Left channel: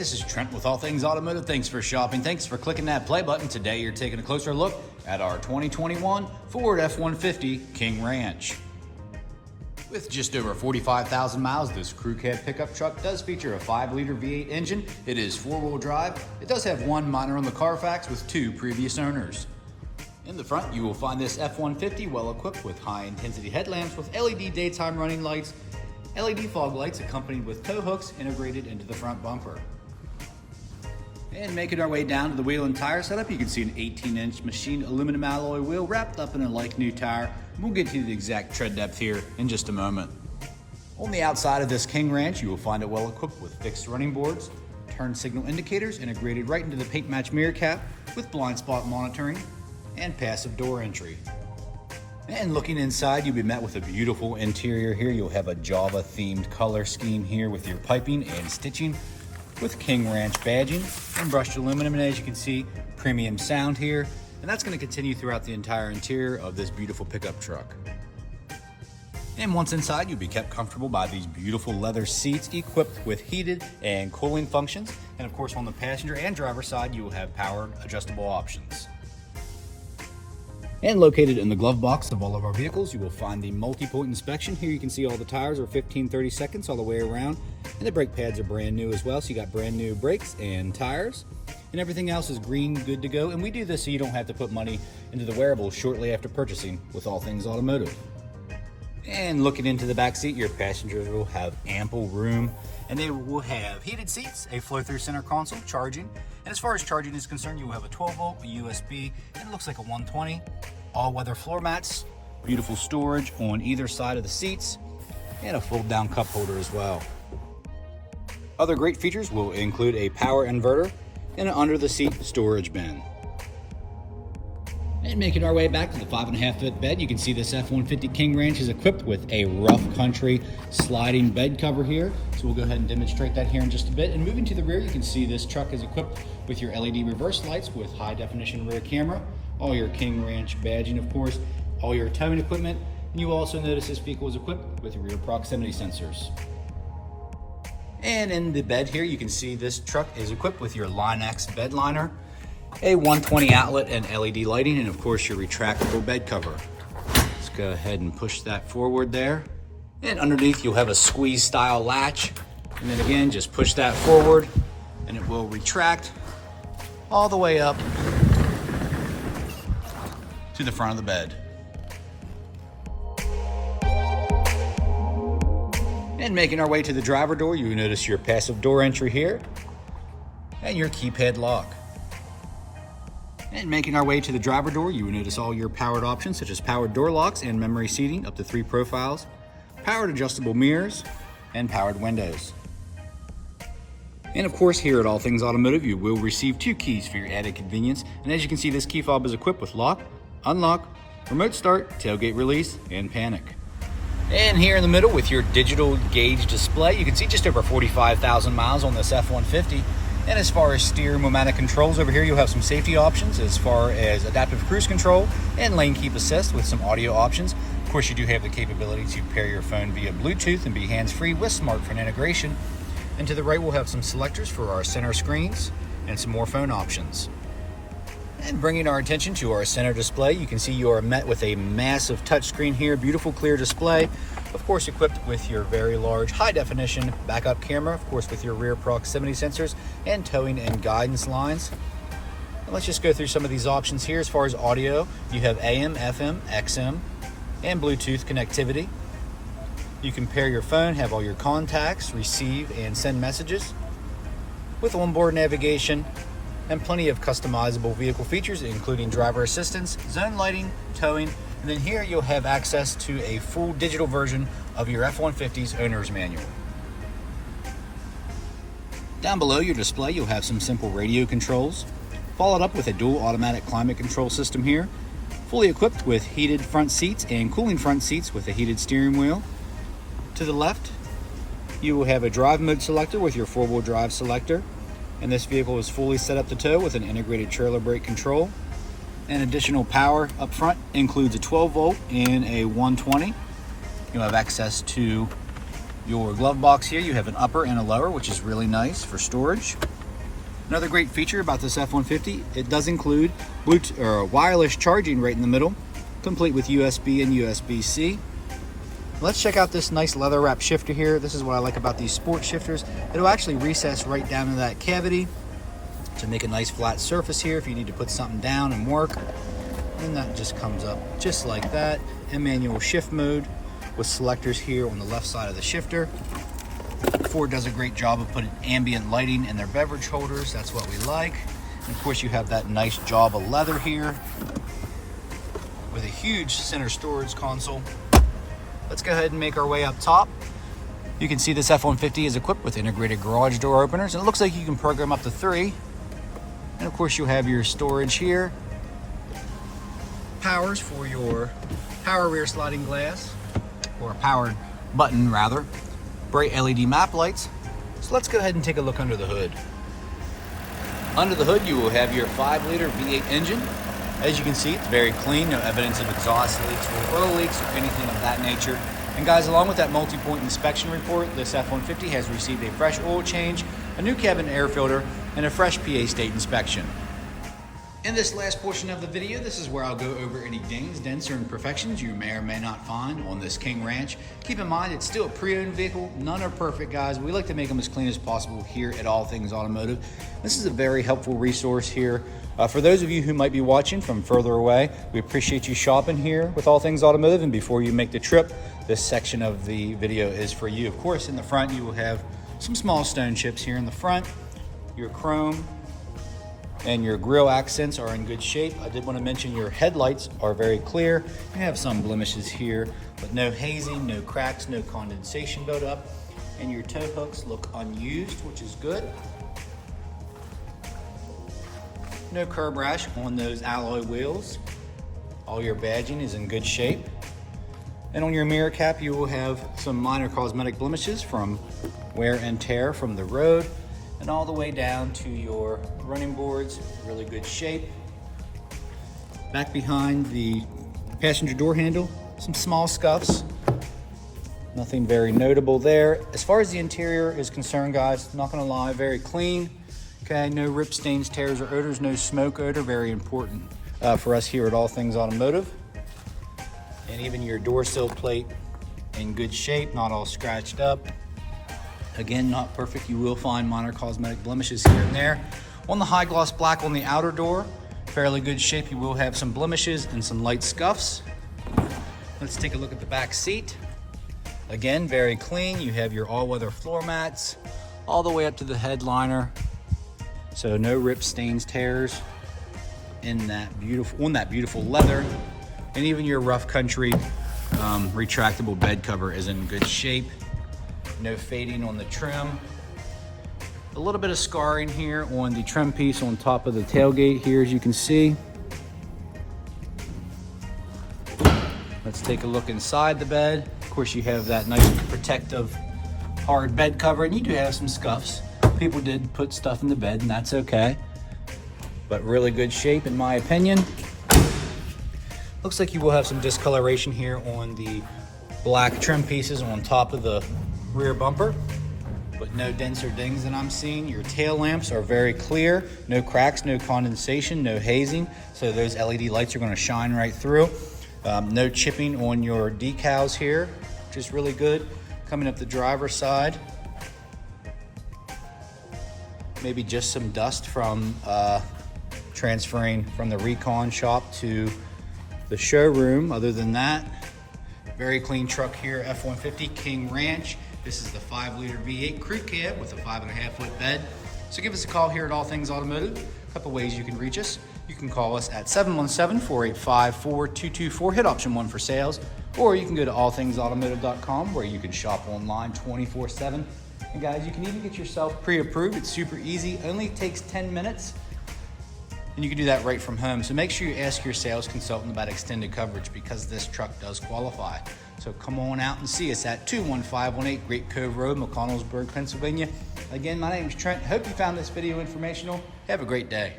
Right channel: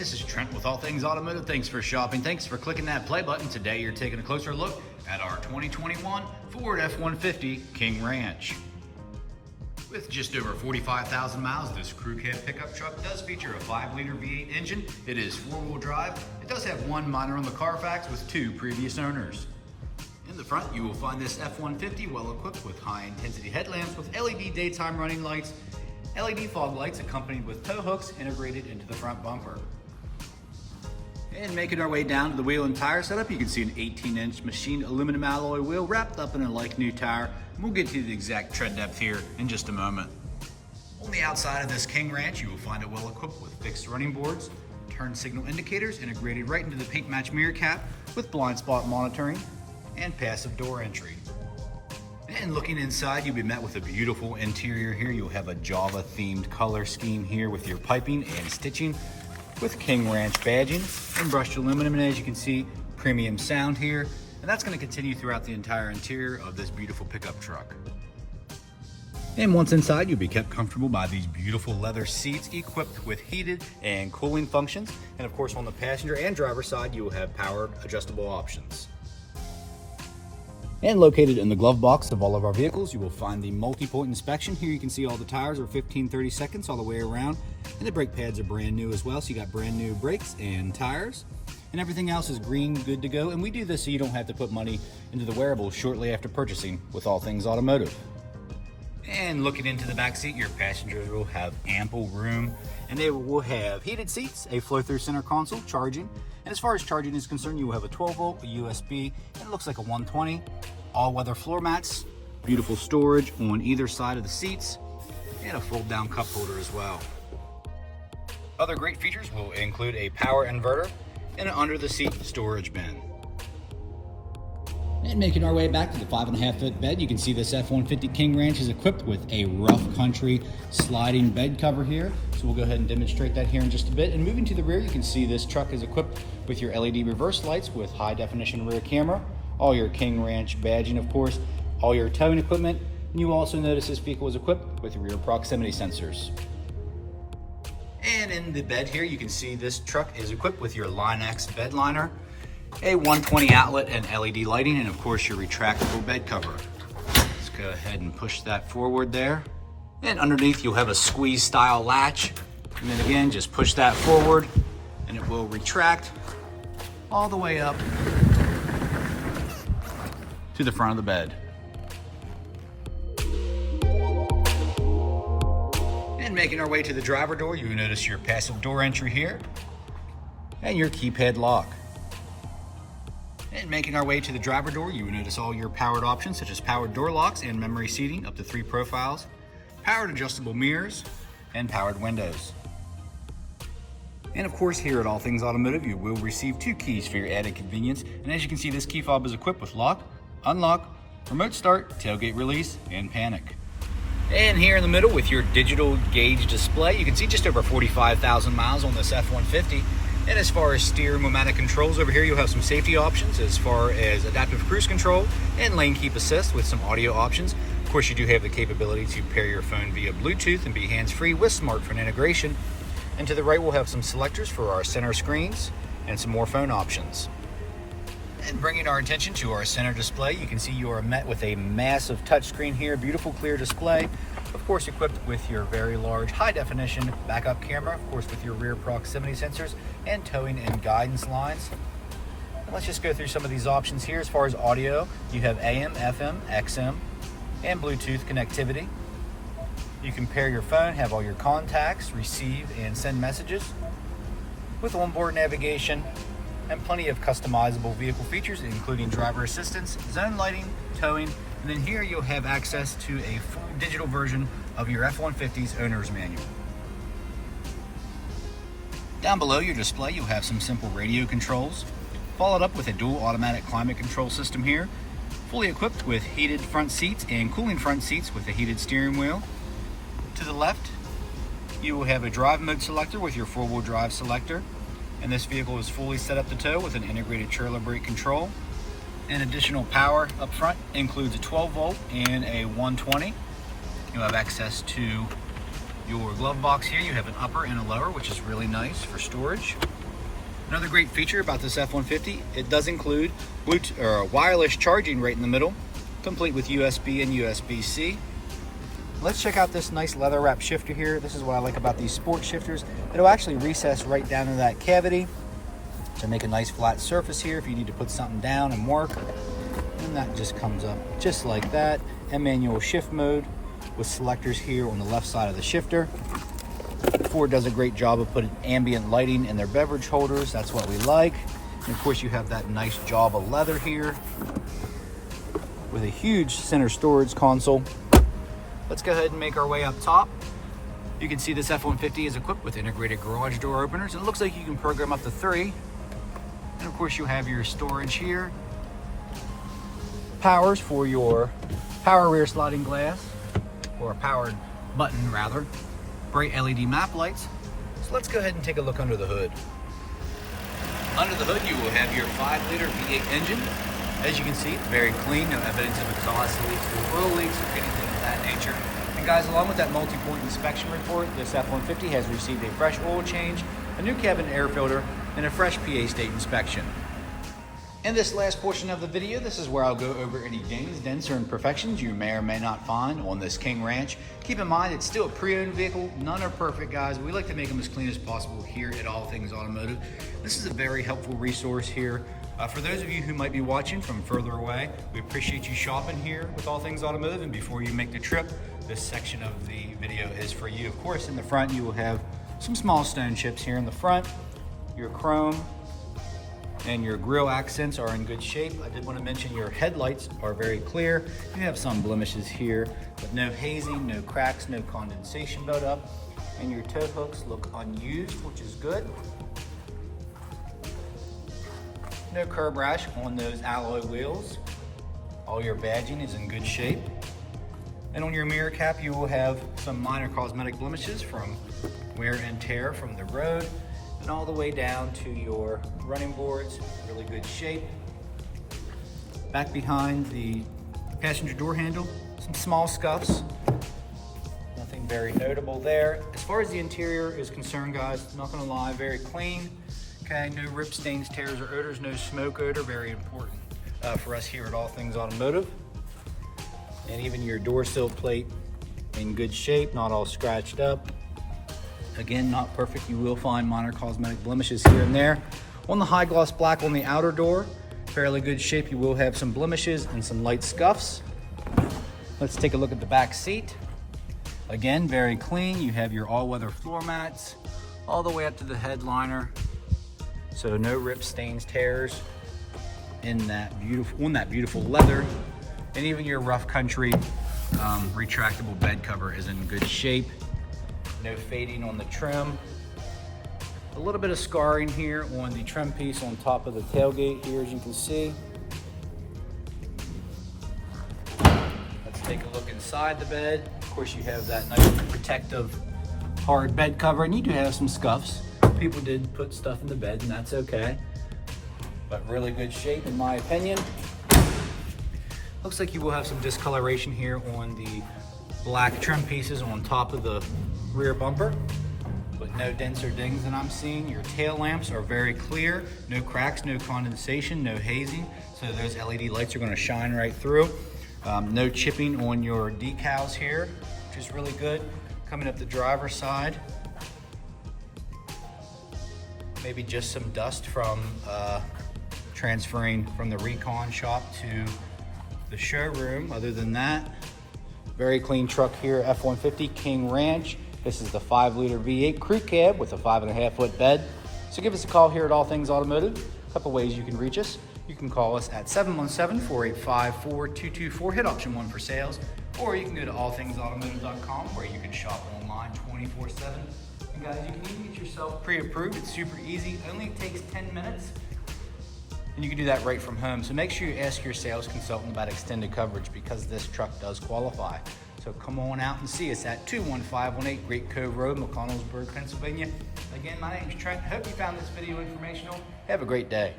this is Trent with All Things Automotive. Thanks for shopping. Thanks for clicking that play button. Today you're taking a closer look at our 2021 Ford F-150 King Ranch. With just over 45,000 miles, this crew cab pickup truck does feature a 5-liter V8 engine. It is 4-wheel drive. It does have one minor on the Carfax with 2 previous owners. In the front, you will find this F-150 well equipped with high-intensity headlamps with LED daytime running lights, LED fog lights accompanied with tow hooks integrated into the front bumper. And making our way down to the wheel and tire setup, you can see an 18-inch machined aluminum alloy wheel wrapped up in a like-new tire. We'll get to the exact tread depth here in just a moment. On the outside of this King Ranch, you will find it well equipped with fixed running boards, turn signal indicators integrated right into the paint match mirror cap with blind spot monitoring, and passive door entry. And looking inside, you'll be met with a beautiful interior here. You'll have a Java themed color scheme here with your piping and stitching with King Ranch badging and brushed aluminum. And as you can see, premium sound here. And that's going to continue throughout the entire interior of this beautiful pickup truck. And once inside, you'll be kept comfortable by these beautiful leather seats equipped with heated and cooling functions. And of course, on the passenger and driver side, you will have powered adjustable options. And located in the glove box of all of our vehicles, you will find the multi-point inspection. Here you can see all the tires are 15-30 seconds all the way around, and the brake pads are brand new as well. So you got brand new brakes and tires, and everything else is green, good to go. And we do this so you don't have to put money into the wearables shortly after purchasing with All Things Automotive. And looking into the back seat, your passengers will have ample room, and they will have heated seats, a flow-through center console, charging. And as far as charging is concerned, you will have a 12-volt, a USB, and it looks like a 120. All-weather floor mats, beautiful storage on either side of the seats, and a fold-down cup holder as well. Other great features will include a power inverter and an under-the-seat storage bin. And making our way back to the 5.5-foot bed, you can see this F-150 King Ranch is equipped with a rough country sliding bed cover here. So we'll go ahead and demonstrate that here in just a bit. And moving to the rear, you can see this truck is equipped with your LED reverse lights with high definition rear camera, all your King Ranch badging, of course, all your towing equipment. And you also notice this vehicle is equipped with rear proximity sensors. And in the bed here, you can see this truck is equipped with your Line X bedliner, a 120 outlet and LED lighting, and of course your retractable bed cover. Let's go ahead and push that forward there. And underneath you'll have a squeeze style latch. And then again, just push that forward and it will retract all the way up to the front of the bed. And making our way to the driver door, you will notice your passive door entry here and your keypad lock. And making our way to the driver door, you will notice all your powered options such as powered door locks and memory seating up to 3 profiles, powered adjustable mirrors, and powered windows. And of course, here at All Things Automotive, you will receive 2 keys for your added convenience. And as you can see, this key fob is equipped with lock, unlock, remote start, tailgate release, and panic. And here in the middle with your digital gauge display, you can see just over 45,000 miles on this F-150. And as far as steering pneumatic controls over here, you'll have some safety options as far as adaptive cruise control and lane keep assist with some audio options. Of course, you do have the capability to pair your phone via Bluetooth and be hands-free with smartphone integration. And to the right, we'll have some selectors for our center screens and some more phone options. And bringing our attention to our center display, you can see you are met with a massive touchscreen here, beautiful clear display. Of course, equipped with your very large high-definition backup camera, of course with your rear proximity sensors and towing and guidance lines. And let's just go through some of these options here. As far as audio, you have AM, FM, XM, and Bluetooth connectivity. You can pair your phone, have all your contacts, receive and send messages with onboard navigation and plenty of customizable vehicle features, including driver assistance, zone lighting, towing, and then here you'll have access to a full digital version of your F-150's owner's manual. Down below your display, you'll have some simple radio controls, followed up with a dual automatic climate control system here, fully equipped with heated front seats and cooling front seats with a heated steering wheel. To the left, you will have a drive mode selector with your 4-wheel drive selector, and this vehicle is fully set up to tow with an integrated trailer brake control. And additional power up front includes a 12-volt and a 120. You'll have access to your glove box here. You have an upper and a lower, which is really nice for storage. Another great feature about this F-150, it does include Bluetooth or wireless charging right in the middle, complete with USB and USB-C. Let's check out this nice leather wrap shifter here. This is what I like about these sport shifters. It'll actually recess right down into that cavity to make a nice flat surface here if you need to put something down and work. And that just comes up just like that. And manual shift mode with selectors here on the left side of the shifter. Ford does a great job of putting ambient lighting in their beverage holders. That's what we like. And of course you have that nice job of leather here with a huge center storage console. Let's go ahead and make our way up top. You can see this F-150 is equipped with integrated garage door openers, and it looks like you can program up to 3. And of course you have your storage here. Powers for your power rear sliding glass, or powered button rather. Bright LED map lights. So let's go ahead and take a look under the hood. Under the hood you will have your 5-liter V8 engine. As you can see, it's very clean, no evidence of exhaust leaks or oil leaks or anything of that nature. And guys, along with that multi-point inspection report, this F-150 has received a fresh oil change, a new cabin air filter, and a fresh PA state inspection. In this last portion of the video, this is where I'll go over any dings, dents, or imperfections you may or may not find on this King Ranch. Keep in mind, it's still a pre-owned vehicle. None are perfect, guys. We like to make them as clean as possible here at All Things Automotive. This is a very helpful resource here. For those of you who might be watching from further away, we appreciate you shopping here with All Things Automotive. And before you make the trip, this section of the video is for you. Of course, in the front, you will have some small stone chips here in the front. Your chrome and your grille accents are in good shape. I did want to mention your headlights are very clear. You have some blemishes here, but no hazing, no cracks, no condensation buildup. And your tow hooks look unused, which is good. No curb rash on those alloy wheels. All your badging is in good shape. And on your mirror cap, you will have some minor cosmetic blemishes from wear and tear from the road, and all the way down to your running boards, really good shape. Back behind the passenger door handle, some small scuffs. Nothing very notable there. As far as the interior is concerned, guys, not gonna lie, very clean. Okay, no rip stains, tears, or odors, no smoke odor, very important for us here at All Things Automotive. And even your door sill plate in good shape, not all scratched up. Again, not perfect. You will find minor cosmetic blemishes here and there. On the high gloss black on the outer door, fairly good shape. You will have some blemishes and some light scuffs. Let's take a look at the back seat. Again, very clean. You have your all-weather floor mats all the way up to the headliner. So no rips, stains, tears on that beautiful leather. And even your rough country retractable bed cover is in good shape. No fading on the trim. A little bit of scarring here on the trim piece on top of the tailgate here, as you can see. Let's take a look inside the bed. Of course, you have that nice protective hard bed cover, and you do have some scuffs. People did put stuff in the bed, and that's okay. But really good shape, in my opinion. Looks like you will have some discoloration here on the black trim pieces on top of the rear bumper, but no dents or dings that I'm seeing. Your tail lamps are very clear, no cracks, no condensation, no hazing, so those LED lights are going to shine right through. No chipping on your decals here, which is really good. Coming up the driver's side, maybe just some dust from transferring from the recon shop to the showroom. Other than that, very clean truck here, F-150 King Ranch. This is the 5-liter V8 crew cab with a 5.5-foot bed. So give us a call here at All Things Automotive. A couple ways you can reach us. You can call us at 717-485-4224, hit option 1 for sales, or you can go to allthingsautomotive.com where you can shop online 24/7. And guys, you can even get yourself pre-approved. It's super easy, only takes 10 minutes. And you can do that right from home. So make sure you ask your sales consultant about extended coverage because this truck does qualify. So come on out and see us at 21518 Great Cove Road, McConnellsburg, Pennsylvania. Again, my name is Trent. Hope you found this video informational. Have a great day.